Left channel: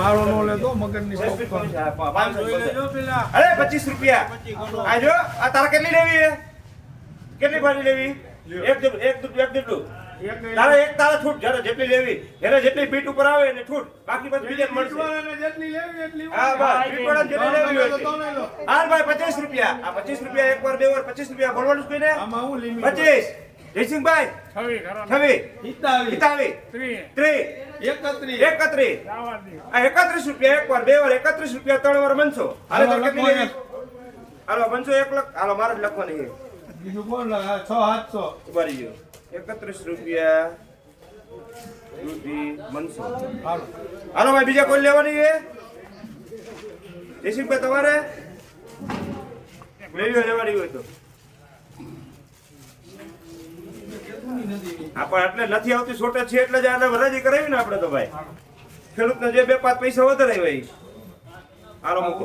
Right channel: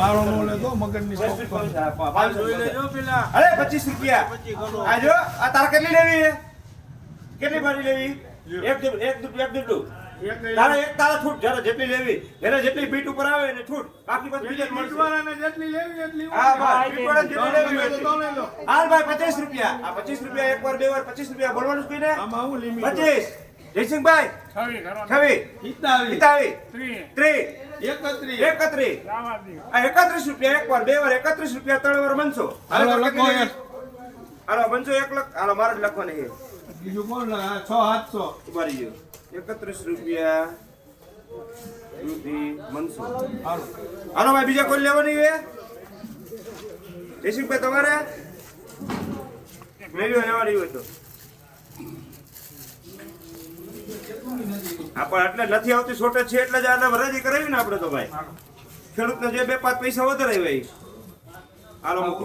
મારો નો લેતો મગજની પોપકોર્ન. અરે 25 રૂપિયા આજો. આ તારે કેટલી લેવી છે? કેટલી ભાજી લેવી? એક તારે છૂટ જ્યારે જેટલી લેવી એને જેટલી બીટ ઉપર આવે એને છૂટ. બાકી બધી બીજે બીટવાળાને જેટલી લેવી એટલી. હા બસ બીટવાળાને જેટલી લેવી એટલી. હાલ ભાઈ 25 રૂપિયા. આ 25 રૂપિયા એક વાર બે વાર 25 રૂપિયા બોલવાનું છે ને. આમાં હું લિમિટ 25 જયસિંહભાઈ 26 31 રૂપિયા એક વાર બે વાર 31 રૂપિયા ત્રણ વાર બનશો. હાલો બનશો 1 લાખ. હાલો મારે જ લખવાની છે. બીજું કોણ લાગે? 600 700 ઉભારી ગયો 31 રૂપિયા બનશો. હાલો ભાઈ બીજા કોઈ લેવાની છે? જયસિંહભાઈ તમારે લેવાની હોય તો પણ એટલે નથી આવતી શોર્ટેજ છે એટલે જ હરાજી કરાવી ને આપણે તો ભાઈ ખેડૂતને જે 2-5 પૈસા વધારે હોય. હાલો મૂકો.